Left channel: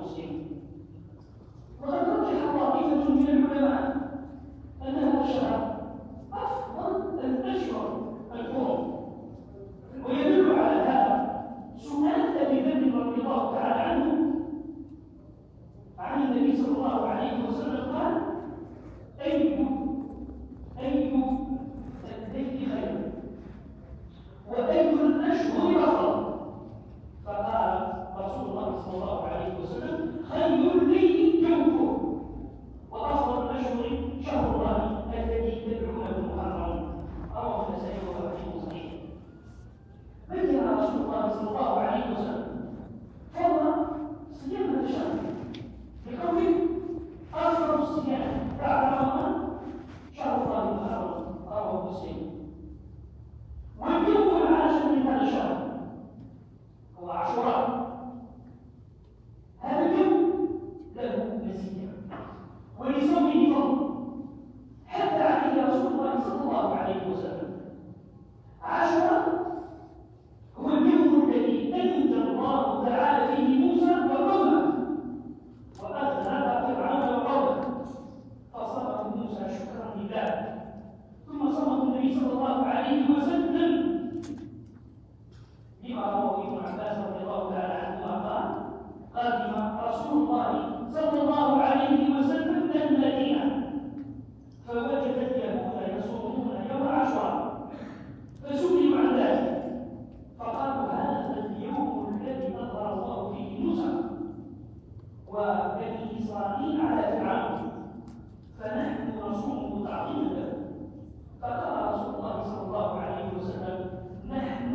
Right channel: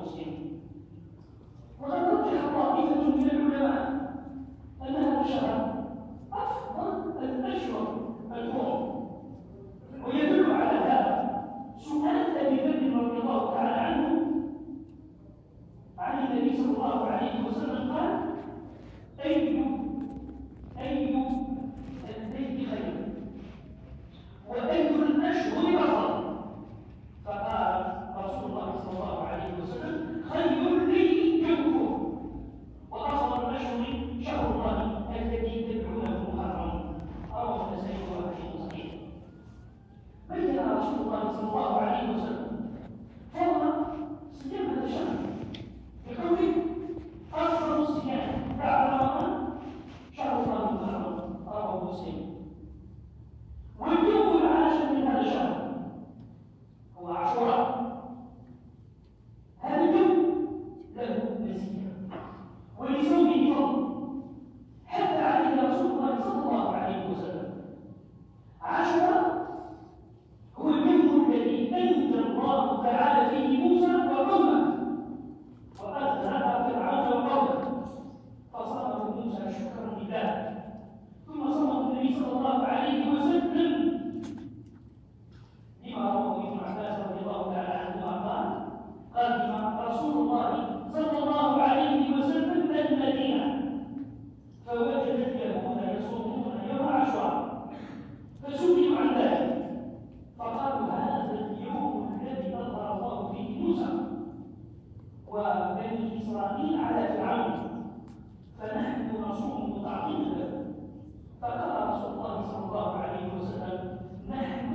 المسلمين. وقد رجح طائفة من العلماء أن هذا الشهر أفضل الأشهر الحرم، ويدل على هذا سؤال أبي ذر رضي الله تعالى عنه عن النبي صلى الله عليه وسلم قال: أي الذكر خير وأي الأشهر أفضل؟ فقال رسول الله صلى الله عليه وسلم: خير الليل جوفه، وأفضل الأشهر شهر الله الذي تدعونه محرم. رواه النسائي وحديث صحيح. بين رسول الله صلى الله عليه وسلم فضل صيام هذا الشهر بقوله: أفضل الصيام بعد رمضان شهر الله المحرم. رواه مسلم. واليوم العاشر من هذا الشهر هو عاشوراء. هذا اليوم له مزية ولصومه فضل، حتى عليه رسول الله صلى الله عليه وسلم. عاشوراء هو اليوم الذي أنجى الله تعالى فيه موسى وقومه وأغلب فرعون وقومه، فصامه موسى شكرا لله، ثم صامه النبي صلى الله عليه وسلم لما رواه ابن عباس رضي الله تعالى عنهما قال: قدم رسول الله صلى الله عليه وسلم المدينة فوجد اليهود يصومون يوم عاشوراء، فسئلوا عن ذلك فقالوا: هذا اليوم الذي أظهر الله فيه موسى وبني إسرائيل على فرعون، فنحن نصومه تعظيما له. فقال رسول الله صلى الله عليه وسلم: نحن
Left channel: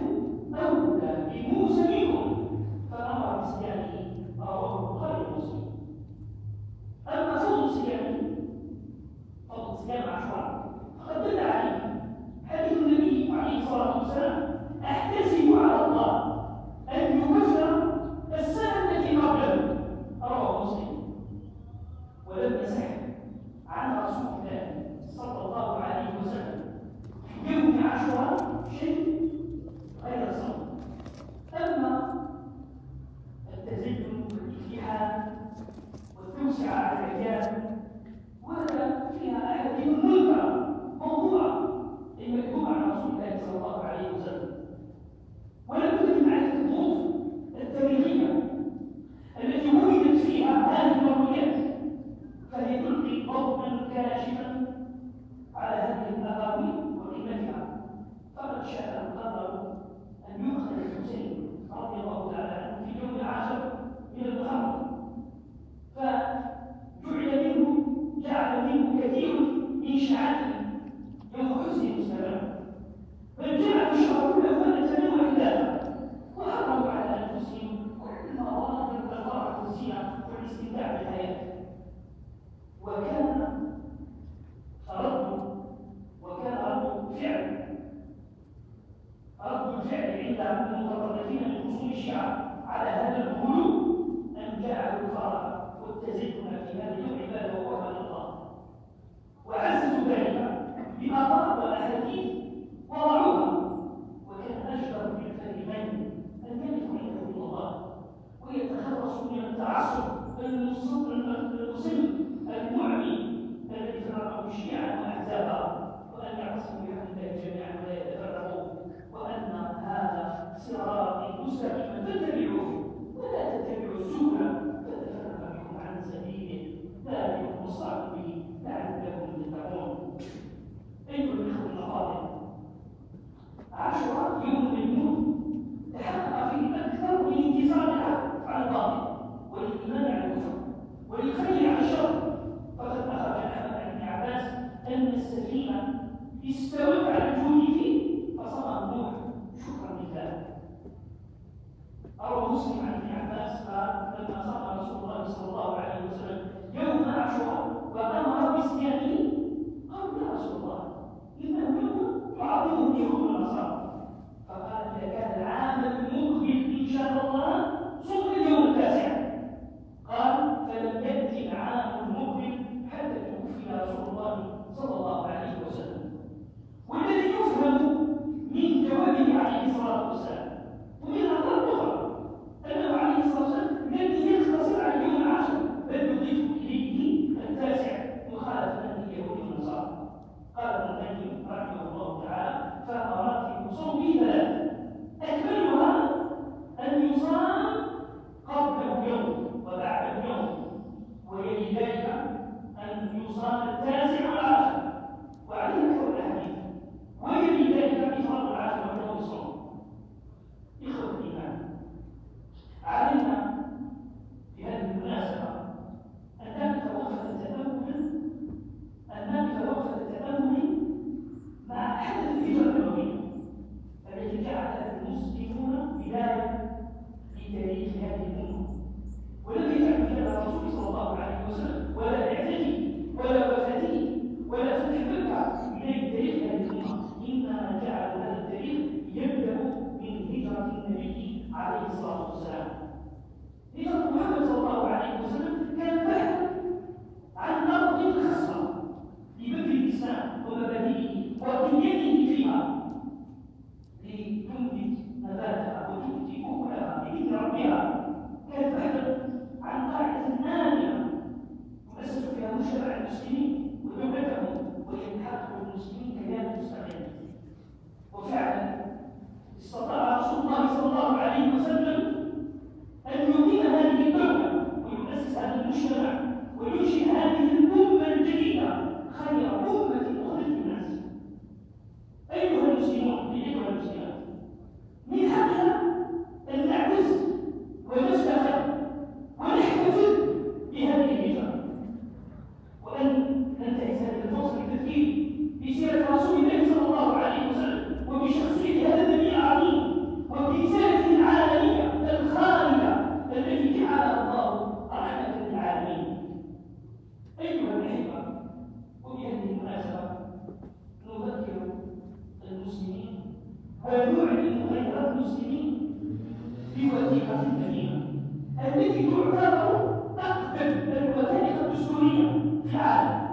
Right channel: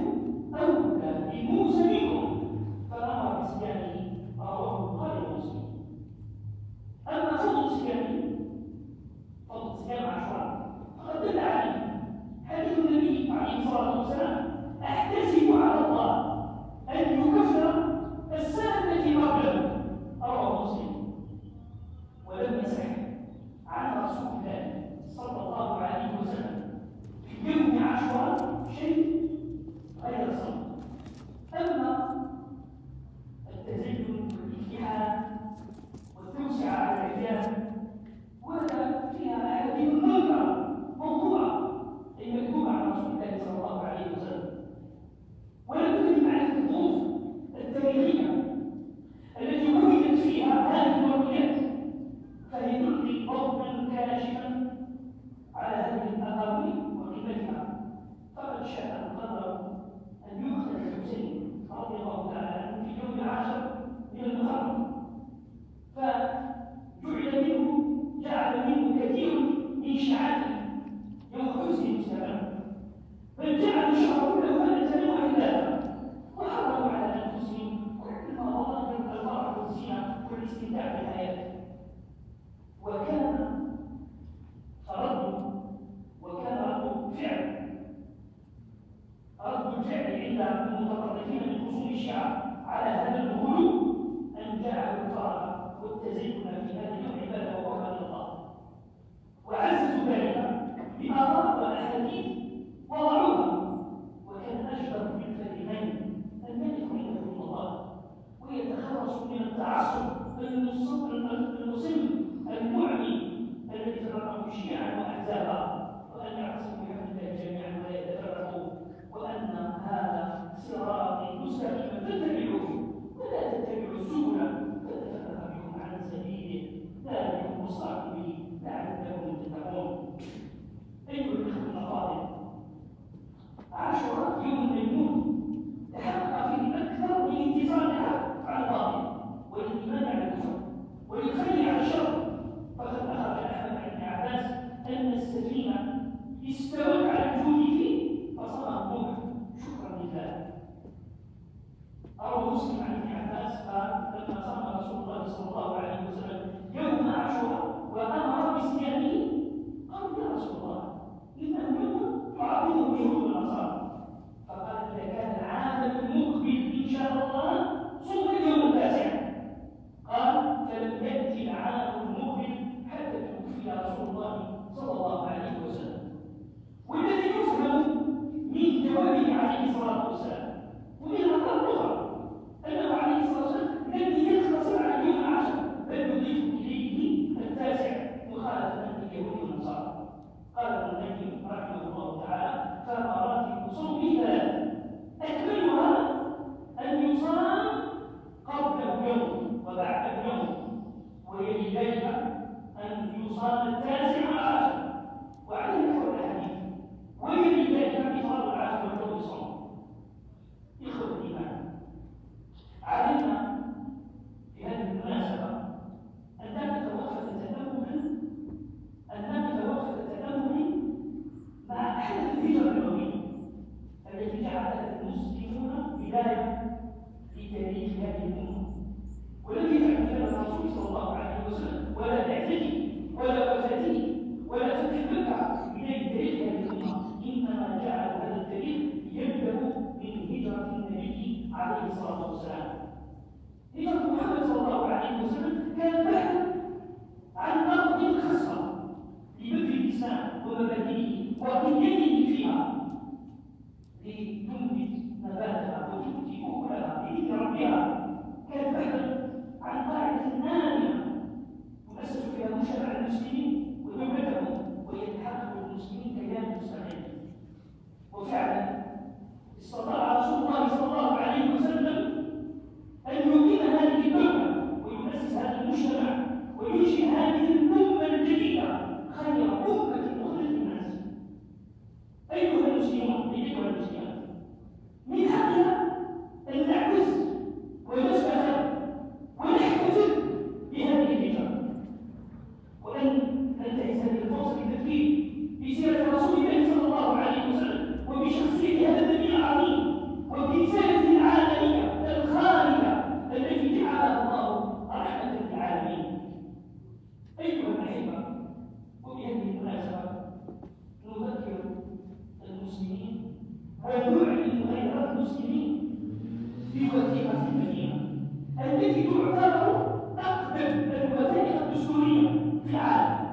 أولى بموسى منكم، فأمر بصيامه. رواه البخاري ومسلم. أما فضل صيام عاشوراء فقد دل عليه حديث النبي عليه الصلاة والسلام: أحتسب على الله أن يكفر السنة التي قبله. رواه مسلم. ولم يصح عن رسول الله صلى الله عليه وسلم في يوم عاشوراء شيء غير الصوم. أما التزين والاتحاد والتوسعة على الرجال وهذا فيها أحاديث منكرة موضوعة المكتوبة عن رسول الله صلى الله عليه وسلم، ولا بد من معرفة الظروف التاريخية التي وجدت فيها هذه المرويات، فهي تلقي ضوءا كاشفا على هذه الأقاويل وقيمتها. فقد شاء القدر أن يؤخذ الحسين رضي الله تعالى عنه في اليوم العاشر من المحرم، جعل منه كثير من شيعته يوم حسن مستمر، بل جعلوا الشهر كله مأتة وعبادة، وحرموا على أنفسهم كل مظاهر الفرح والزينة والاستمتاع بالحياة. وكان رد الفعل عند المتطرفين من اصول الشيعة على هذا الغلو أن جعلوا الفرح والتزين في هذا اليوم عبادة وقربان الله، وعززوا ذلك بآثار وأحاديث وضعوها. وكان أجدر بالفريقين أن يدخل عندهم الله ويتخلصوا من التعصب المصل المعمي الذي فرقه الشيعة وأحزابها، وأن يعتصموا بحمد الله جميعا ولا يتفرقوا، وأن هذا صراطي مستقيما فاتبعوه ولا تتبعوا السبل فتفرق بكم عن سبيله، ذلكم وصاكم به لعلكم تتقون. أيها الإخوة الأفاضل، عاشوراء يوم ميمون تحقق فيه أكثر من انتصار الحق على الباطل والإيمان على الكفر والخير على الشر. فقد أخرج عن ابن عباس أن السفينة استوت على الجود فيه فصار نوح شكرا لله. روى مسلم عن ابن عباس قال: لما صام رسول الله صلى الله عليه وسلم يوم عاشوراء وأمر بصيامه قالوا: يا رسول الله، إنه يوم يعظمه اليهود والنصارى. فقال: إذا كان العام المقبل إن شاء الله صوم اليوم التاسع. قال: فلم يأتي العام المقبل حتى توفي رسول الله صلى الله عليه وسلم. والذي يفهم من جوابه عليه الصلاة والسلام ومن الأخبار الأخرى أنه عليه الصلاة والسلام لم يقتصر على اليوم الأمة، ولم يجعل خلافة الرسول صلى الله عليه وسلم ولا بعثته ولا وفاته ولا فتح مكة من تاريخ هذه الأمة، إنما جعل هذا التاريخ يبدأ من هجرة النبي عليه الصلاة والسلام. هجرة محمد صلى الله عليه وسلم كانت بحثا عن أرض خصبة لبذل الإسلام ومبادئه وقيامه فيها لتنبت نباتها وتؤتي أكلها بإذن ربها. كانت بحثا عن قاعدة آمنة تؤسس فيها مجتمع المسلمين ودولتهم ويتحقق المسلمين كيان مستقل. وفعلا استطاع رسول الله صلى الله عليه وسلم أن يقيم هذه الدولة ويؤسس هذا المجتمع وينشئ هذه الأمة الجديدة خير أمة أخرجت للناس. أيها المسلمون أيها المسلمات، من حقنا أن نعتز ونفتخر ونحتفل بهذه الهجرة، وأن ننتهز هذه الفرصة للتذكير بسيرة رسول الله صلى الله عليه وسلم وبشخصية هذا النبي العظيم وبرسالته العالمية الخالدة التي جعلها الله رحمة للعالمين. أيها الأحبة، وبهذه المناسبة نذكر المسلمين ونعلن غير المسلمين بوثيقة المدينة التي تعتبر أقدم الوثائق الدستورية في العالم،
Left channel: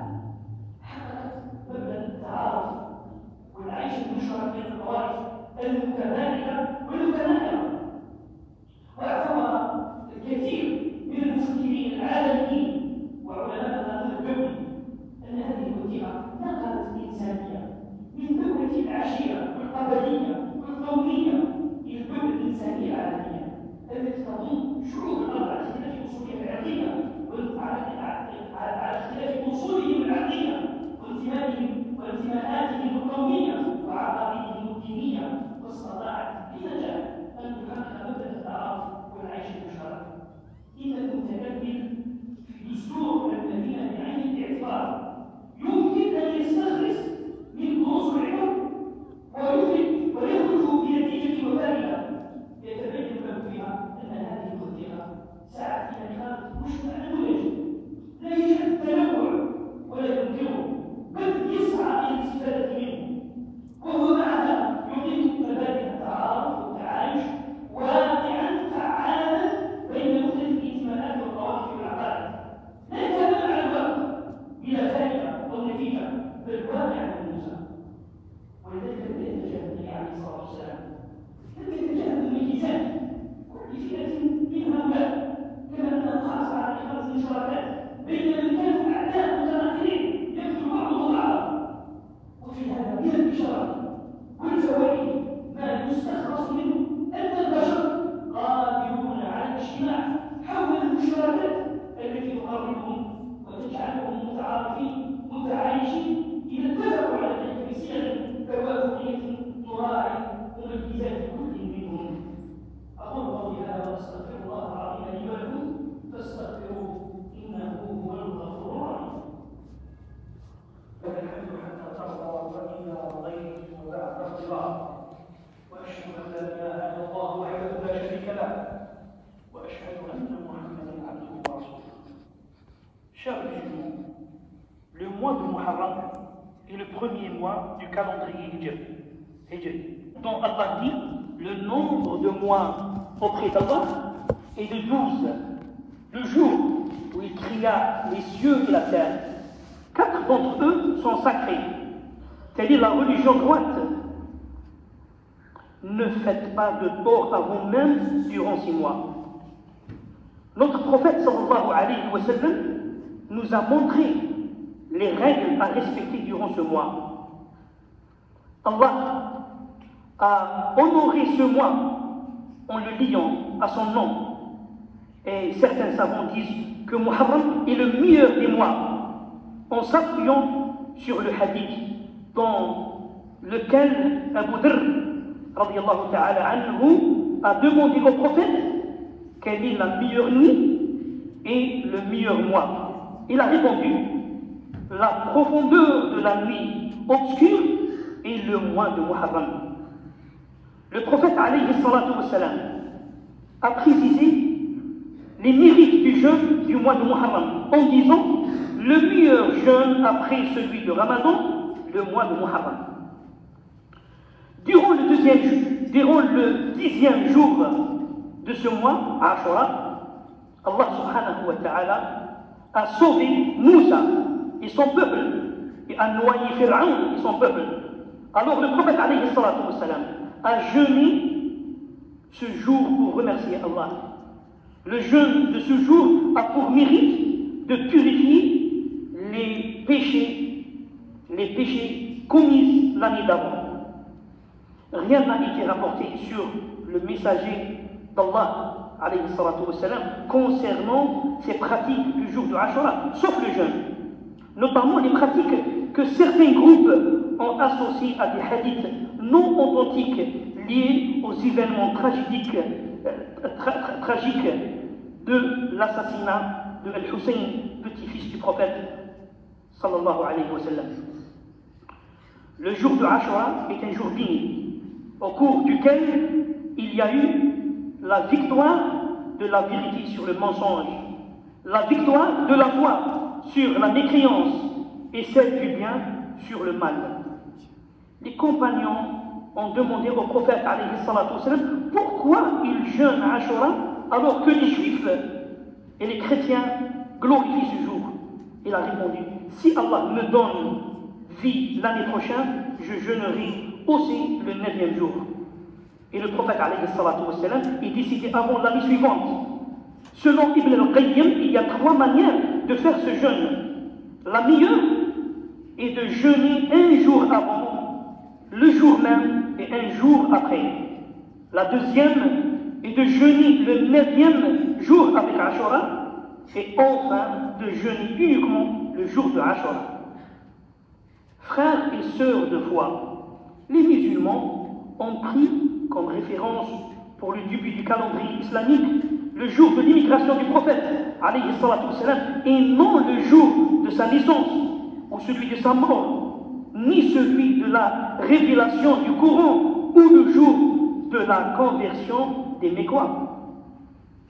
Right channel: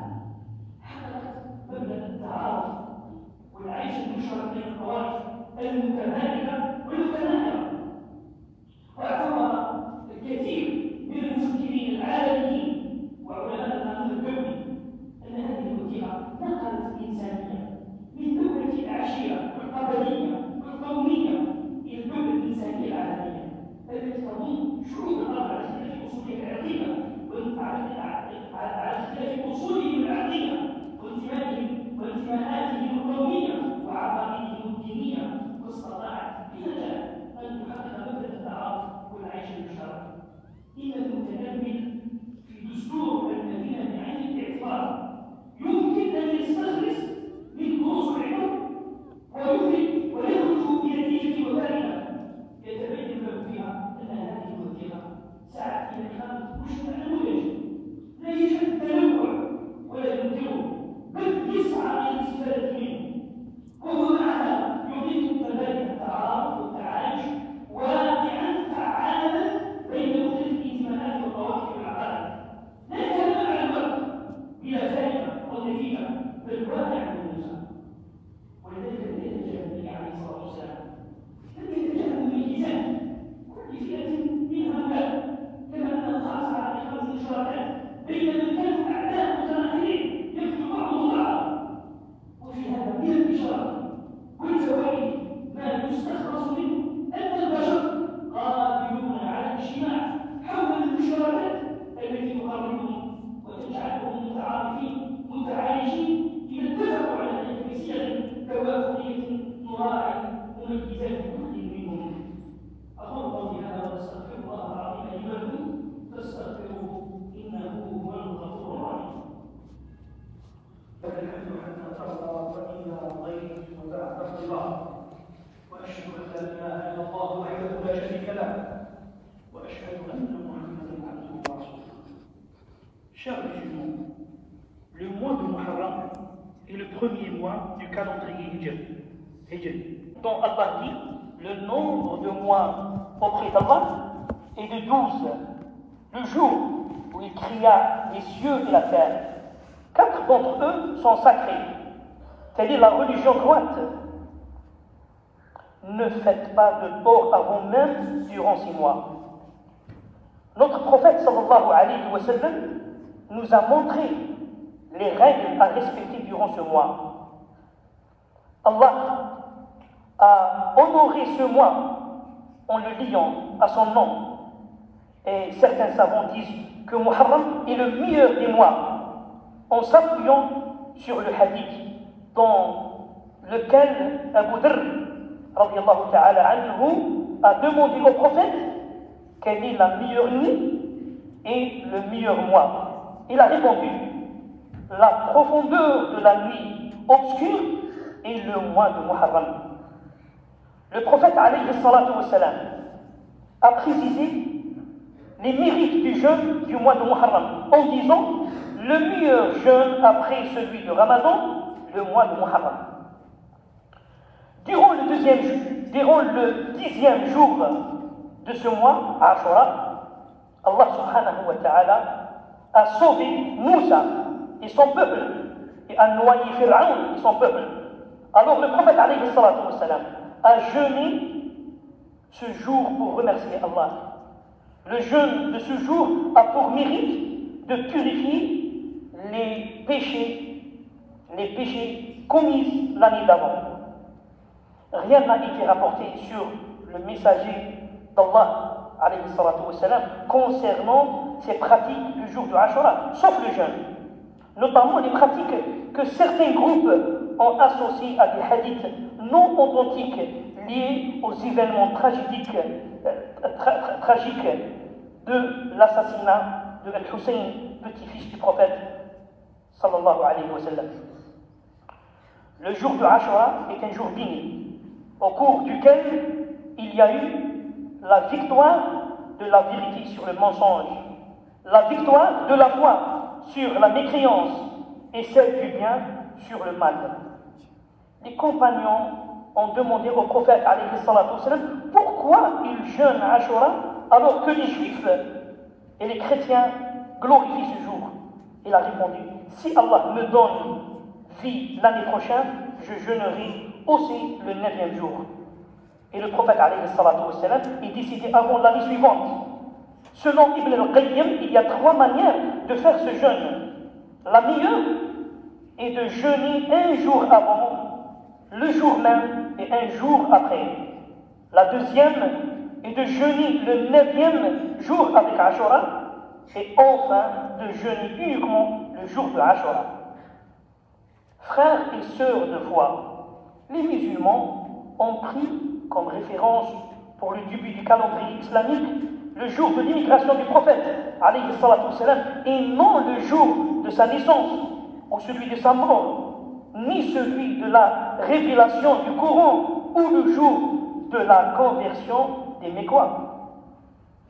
حققت مبدأ التعارف والعيش المشترك بين الطوائف المتمالكة والمتناحرة، واعتبر الكثير من المفكرين العالميين وعلماء القانون الدولي أن هذه الوثيقة نقلت الإنسانية من دولة العشيرة والقبلية والقومية إلى الدولة الإنسانية العالمية التي تضم شعوب الأرض على اختلاف أصولها العرقية على اختلاف أصولهم العرقية وانتماءاتهم القومية وعقائدهم الدينية، واستطاعت بنجاح أن تحقق مبدأ التعارف والعيش المشترك. إن المتكلم في دستور المدينة بعين الاعتبار يمكن أن يستخلص من دروس العلم ويخرج بنتيجة وفائدة يتبين له فيها أن هذه الوثيقة سعت إلى إقامة مجتمع منتج لا يجهل التنوع ولا ينكره، بل يسعى إلى الاستفادة منه، وهو معها يقيم مبادئ التعارف والتعايش واقعا فعالا بين مختلف الانتماءات والطوائف والعقائد، لا يتبع على الوقت بلا فائدة أو نتيجة، بل واقع ملموسة. ولذلك لم يتجاهل النبي عليه الصلاة والسلام، لم يتجاهل الميزات لفئة من هؤلاء، كما أنه حرص على إخراج المشتركات بين من كانوا أعداء متناحرين يقتل بعضهم بعضا. وفي هذا من الإشارات والفوائد ما يستخلص منه أن البشر قادرون على الاجتماع حول المشتركات التي تقربهم وتجعلهم متعارفين متعايشين إذا اتفقوا على ذلك بصيغ توافقية نراعي مميزات كل منهم. أقول قولي هذا وأستغفر الله العظيم لي ولكم فاستغفروه إنه هو الغفور الرحيم. والحمد حتى ترضى وإلى رضيت وبعد رضا، وأشهد أن لا إله إلا الله وحده لا شريك له، وأشهد أن محمدا عبده ورسوله. Chers musulmans, le mois de Muharram est le premier mois du calendrier Hijri, dont Allah dit le nombre de mois auprès d'Allah est de 12, le jour où il créa les cieux et la terre. 4 d'entre eux sont sacrés. Telle est la religion droite. Ne faites pas de tort à vous-même durant 6 mois. Notre prophète sallallahu alayhi wa sallam nous a montré les règles à respecter durant ce mois. Allah a honoré ce mois en le liant à son nom. Et certains savants disent que Muharram est le meilleur des mois, en s'appuyant sur le hadith dans lequel Abu Dharr radiyallahu ta'ala anhu a demandé au prophète quelle est la meilleure nuit et le meilleur mois. Il a répondu la profondeur de la nuit obscure et le mois de Muharram. Le prophète alayhi salatu wassalam a précisé les mérites du jeûne du mois de Muharram en disant le meilleur jeûne après celui de Ramadan, le mois de Muharram. Durant le 10e jour de ce mois, Ashura, Allah subhanahu wa ta'ala a sauvé Moussa et son peuple et a noyé Pharaon et son peuple. Alors le prophète alayhi salatu wa salam a jeûné ce jour pour remercier Allah. Le jeûne de ce jour a pour mérite de purifier les péchés commis l'année d'avant. Rien n'a été rapporté sur le messager d'Allah alayhi salatu wa salam concernant ces pratiques du jour de Ashura, sauf le jeûne. Notamment les pratiques que certains groupes ont associées à des hadiths non authentiques liés aux événements tragiques de l'assassinat de Al-Hussein, petit-fils du prophète sallallahu alayhi wa sallam. Le jour de Ashura est un jour béni, au cours duquel il y a eu la victoire de la vérité sur le mensonge, la victoire de la foi sur la mécréance et celle du bien sur le mal. Les compagnons ont demandé au prophète alayhi salatu wa sallam pourquoi il jeûne à Ashura alors que les juifs et les chrétiens glorifient ce jour. Il a répondu, si Allah me donne vie l'année prochaine, je jeûnerai aussi le 9e jour. Et le prophète alayhi salatu wa sallam est décidé avant l'année suivante. Selon Ibn al-Qayyim, il y a 3 manières de faire ce jeûne. La meilleure est de jeûner un jour avant, le jour même et un jour après. La deuxième est de jeûner le 9e jour avec Ashura et enfin de jeûner uniquement le jour de Ashura. Frères et sœurs de foi, les musulmans ont pris comme référence pour le début du calendrier islamique le jour de l'immigration du prophète, alayhi salatu wa salam, et non le jour de sa naissance ou celui de sa mort, ni celui de la révélation du Coran ou le jour de la conversion des Mécois.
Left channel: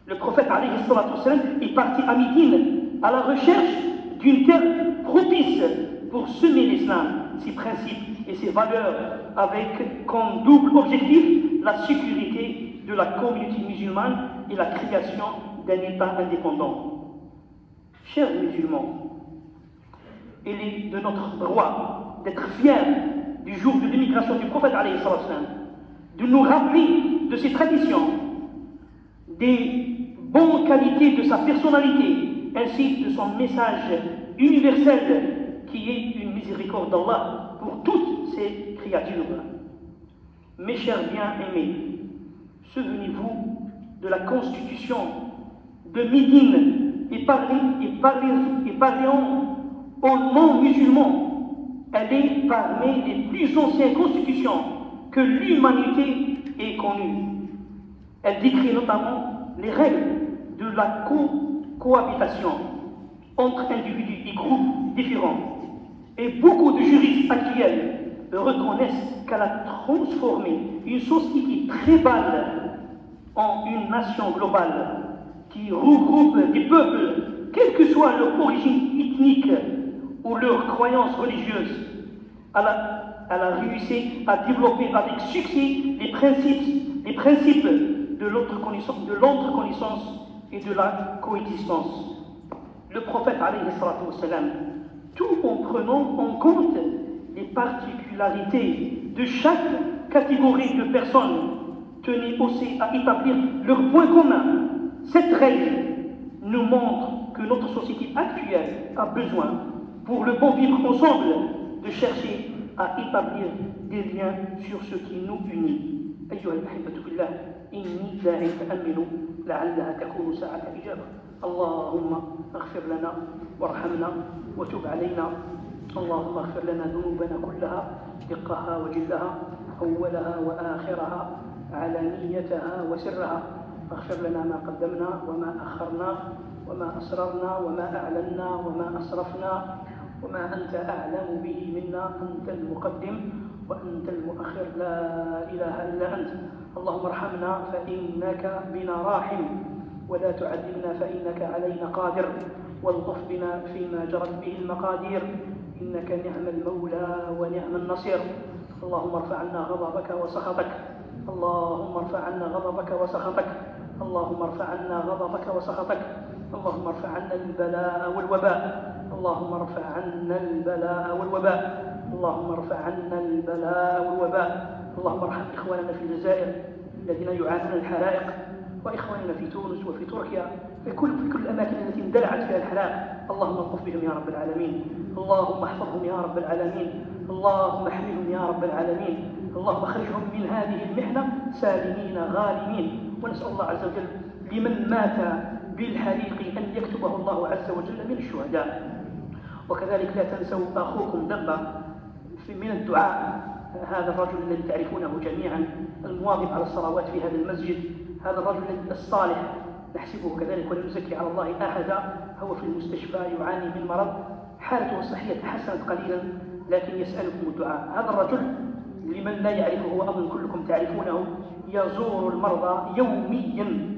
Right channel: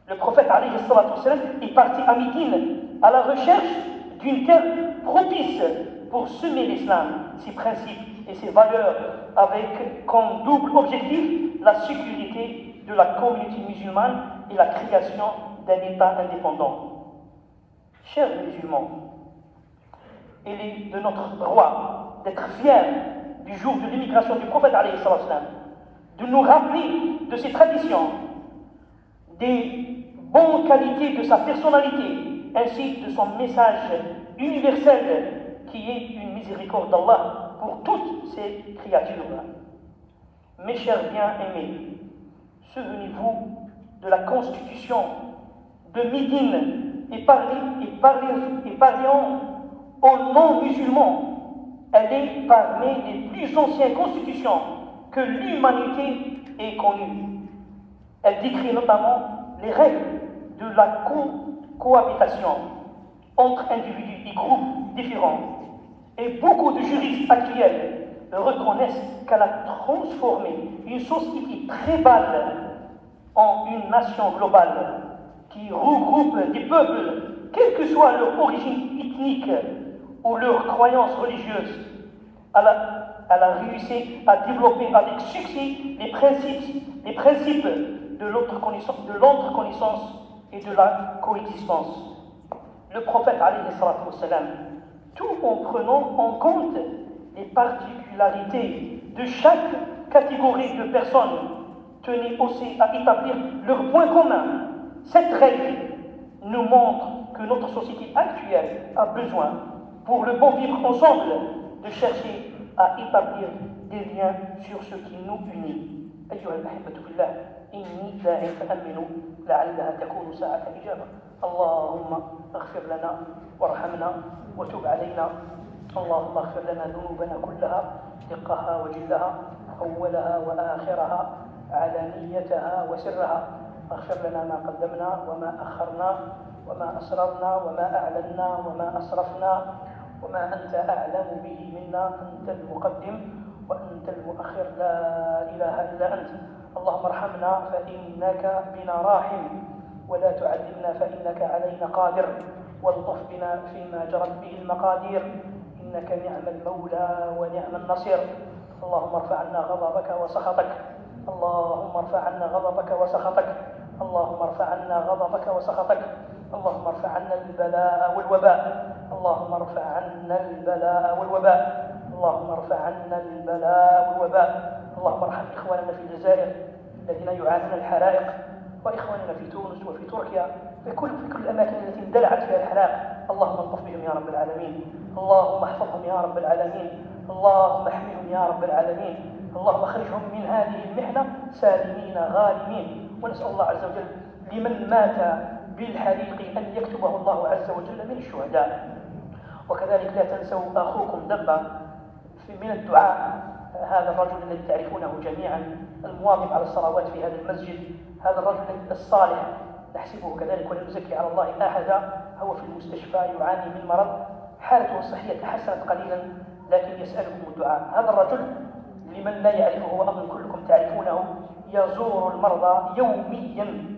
Le prophète alayhi salatu wa salam est parti à Médine à la recherche d'une terre propice pour semer l'islam, ses principes et ses valeurs, avec comme double objectif la sécurité de la communauté musulmane et la création d'un État indépendant. Chers musulmans, il est de notre droit d'être fiers du jour de l'immigration du prophète alayhi salatu wa salam, de nous rappeler de ses traditions, des bonnes qualités de sa personnalité, ainsi que de son message universel qui est une miséricorde d'Allah pour toutes ces créatures. Mes chers bien-aimés, souvenez-vous de la constitution de Médine et parlons aux non-musulmans. Elle est parmi les plus anciennes constitutions que l'humanité ait connues. Elle décrit notamment les règles de la cohabitation entre individus et groupes différents. Et beaucoup de juristes actuels reconnaissent qu'elle a transformé une société tribale en une nation globale qui regroupe des peuples, quelle que soit leur origine ethnique ou leur croyance religieuse. Elle a réussi à développer avec succès les principes de l'autre connaissance et de la coexistence. Le prophète alayhi salatu wa salam, tout en prenant en compte les particularités de chaque catégorie de personnes, tenait aussi à établir leurs points communs. Cette règle nous montre que notre société actuelle a besoin, pour le bon vivre ensemble, de chercher à établir des liens sur ce qui nous unit. أيها الأحبة في الله إني داعيك أمن لعلها تكون ساعة إجابة. اللهم اغفر لنا وارحمنا وتب علينا. اللهم اغفر لنا ذنوبنا كلها دقها وجلها أولها وآخرها علانيتها وسرها. اغفر لنا ما قدمنا وما أخرنا وما أسررنا وما أعلنا وما أسرفنا وما أنت أعلم به منا. أنت المقدم وأنت المؤخر، لا إله إلا أنت. اللهم ارحمنا فإنك بنا راحم ولا تعذبنا فإنك علينا قادر، والطف بنا فيما جرت به المقادير، إنك نعم المولى ونعم النصير. اللهم ارفع عنا غضبك وسخطك، اللهم ارفع عنا غضبك وسخطك، اللهم ارفع عنا غضبك وسخطك، اللهم ارفع عنا البلاء والوباء، اللهم ارفع عنا البلاء والوباء، اللهم ارفع عنا البلاء والوباء. اللهم ارحم إخواننا في الجزائر الذين يعانون الحرائق، وإخواننا في تونس وفي تركيا، في كل الأماكن التي اندلعت فيها الحرائق. اللهم الطف بهم يا رب العالمين، اللهم احفظهم يا رب العالمين، اللهم احميهم يا رب العالمين، اللهم اخرجهم من هذه المحنة سالمين غانمين. ونسأل الله عز وجل لمن مات بالحريق أن يكتبه الله عز وجل من الشهداء. وكذلك لا تنسوا أخوكم دبا من الدعاء، هذا الرجل الذي تعرفونه جميعا المواظب على الصلوات في هذا المسجد، هذا الرجل الصالح نحسبه كذلك ولا نزكي على الله أحدا، هو في المستشفى يعاني من مرض، حالته الصحية تحسنت قليلا لكن يسألكم الدعاء. هذا الرجل لمن لا يعرفه وأظن كلكم تعرفونه يزور المرضى يوميا،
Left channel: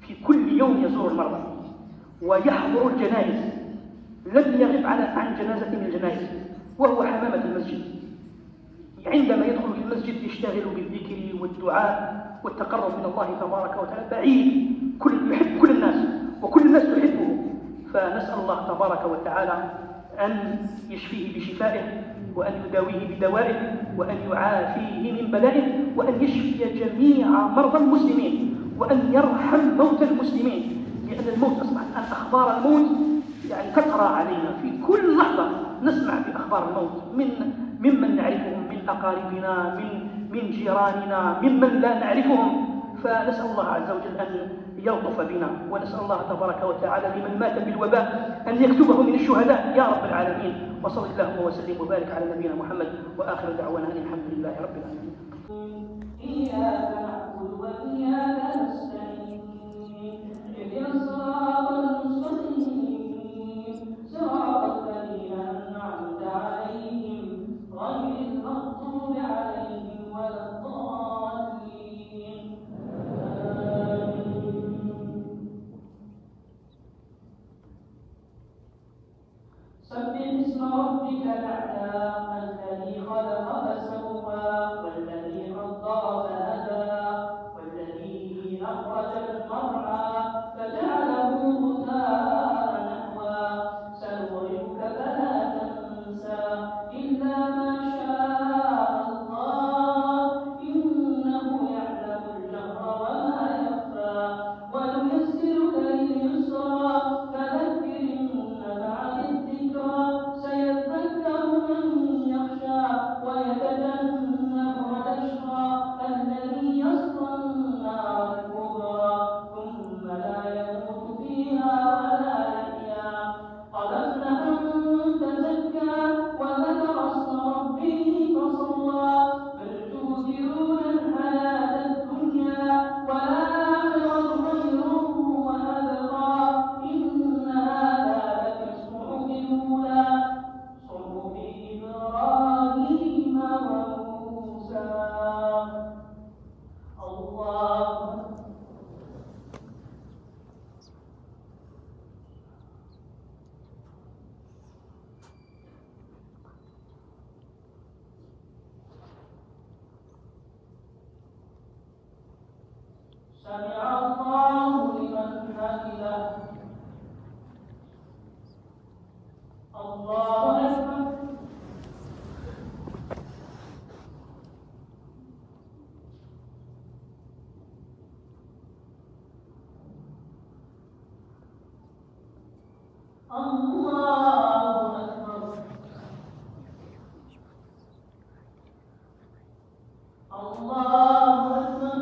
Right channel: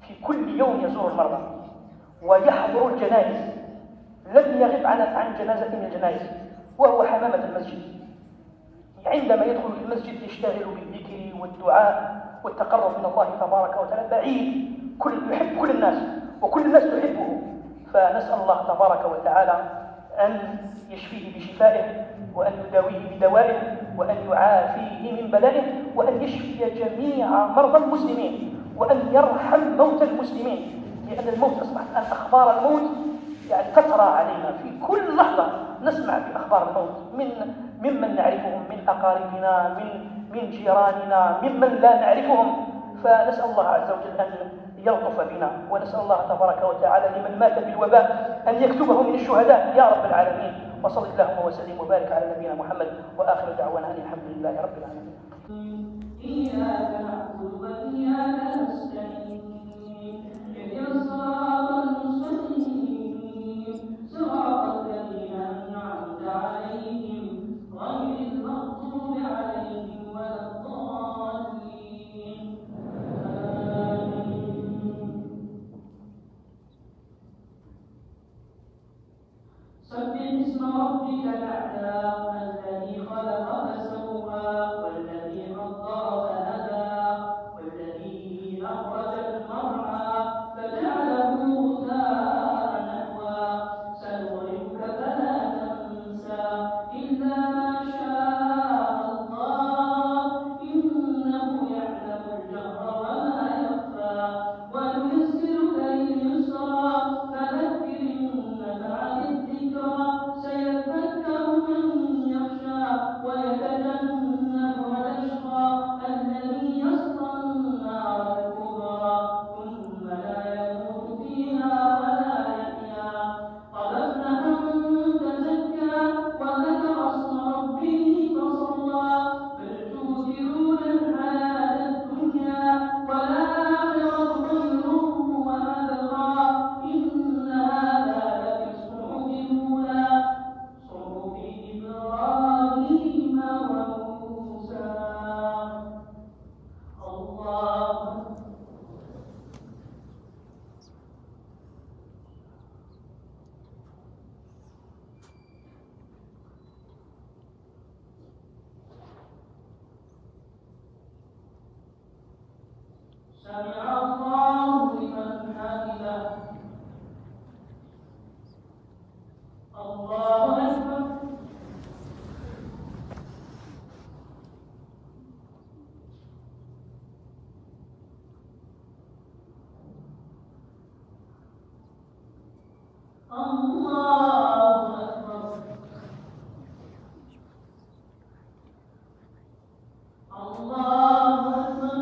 في كل يوم يزور المرضى ويحضر الجنائز، لم يغب عن جنازة من الجنائز، وهو حمامة المسجد. عندما يدخل في المسجد يشتغل بالذكر والدعاء والتقرب من الله تبارك وتعالى، بعيد يحب كل الناس وكل الناس تحبه. فنسأل الله تبارك وتعالى أن يشفيه بشفائه، وأن يداويه بدوائه، وأن يعافيه من بلائه، وأن يشفي جميع مرضى المسلمين، وأن يرحم موتى المسلمين، لأن الموت أصبحت الآن أخبار الموت يعني تقرأ علينا في كل لحظة، نسمع في أخبار الموت ممن نعرفهم من أقاربنا، من جيراننا، ممن لا نعرفهم. فنسأل الله عز وجل أن يلطف بنا، ونسأل الله تبارك وتعالى لمن مات بالوباء أن يكتبه من الشهداء يا رب العالمين. وصلى اللهم وسلم وبارك على نبينا محمد، وآخر دعوانا الحمد لله رب العالمين. إياك نعبد وإياك نستعين، اهدنا الصراط المستقيم، صراط الذين أنعمت عليهم غير المغضوب عليهم ولا الضالين. سبح اسم ربك الأعلى الذي خلق فسوى والذي قدر فهدى والذي أخرج المرعى فجعله غثاء نحوا سنغرقك فلا تنسى إلا ما شاء الله إنه يعلم الجهر وما يخفى ونيسرك لليسرى فذكر إن نفعت الذكرى سيذكر من يخشى ويتجنبها الأشقى الذي يصلى النار الكبرى ثم لا يموت فيها ولا يحيا. قد أفلح من تزكى وذكر اسم ربه فصلى بل تؤثرون الحياة الدنيا والآخرة خير وأبقى إن هذا لفي الصحف الأولى صحف إبراهيم وموسى. الله سمع الله لمن حمده. الله أكبر. الله أكبر. الله أكبر.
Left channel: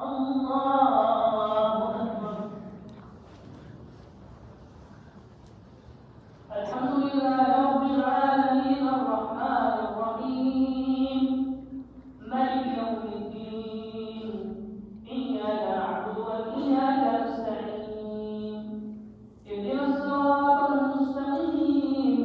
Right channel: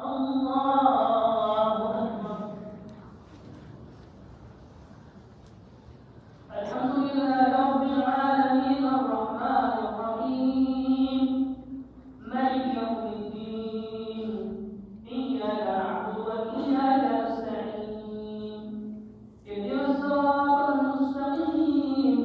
الله أكبر. الحمد لله رب العالمين الرحمن الرحيم مالك يوم الدين إياك نعبد وإياك نستعين اهدنا الصراط المستقيم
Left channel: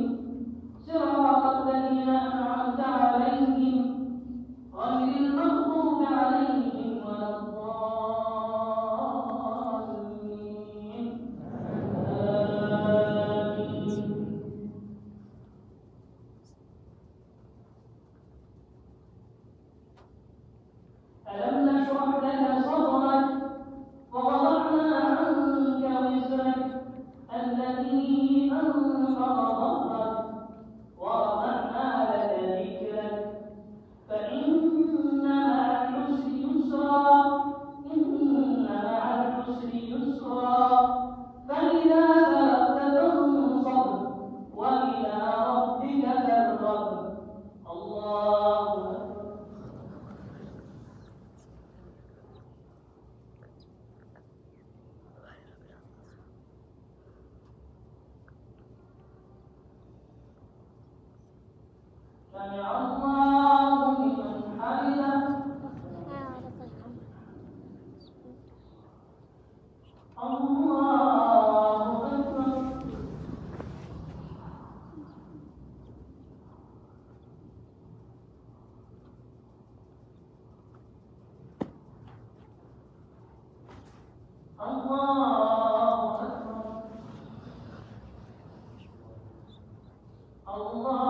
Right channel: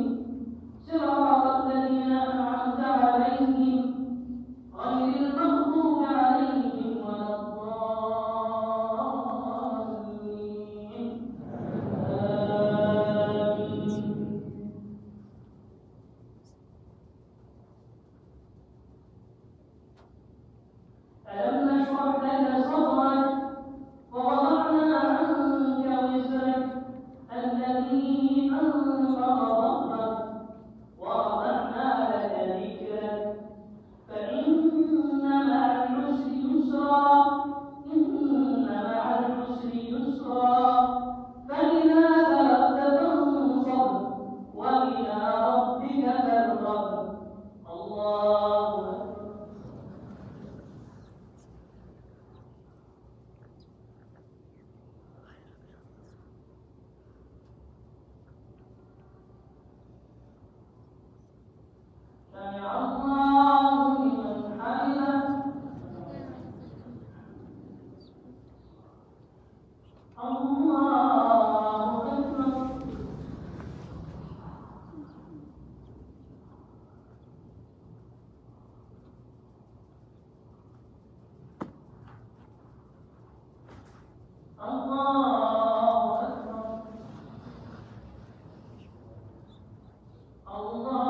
الله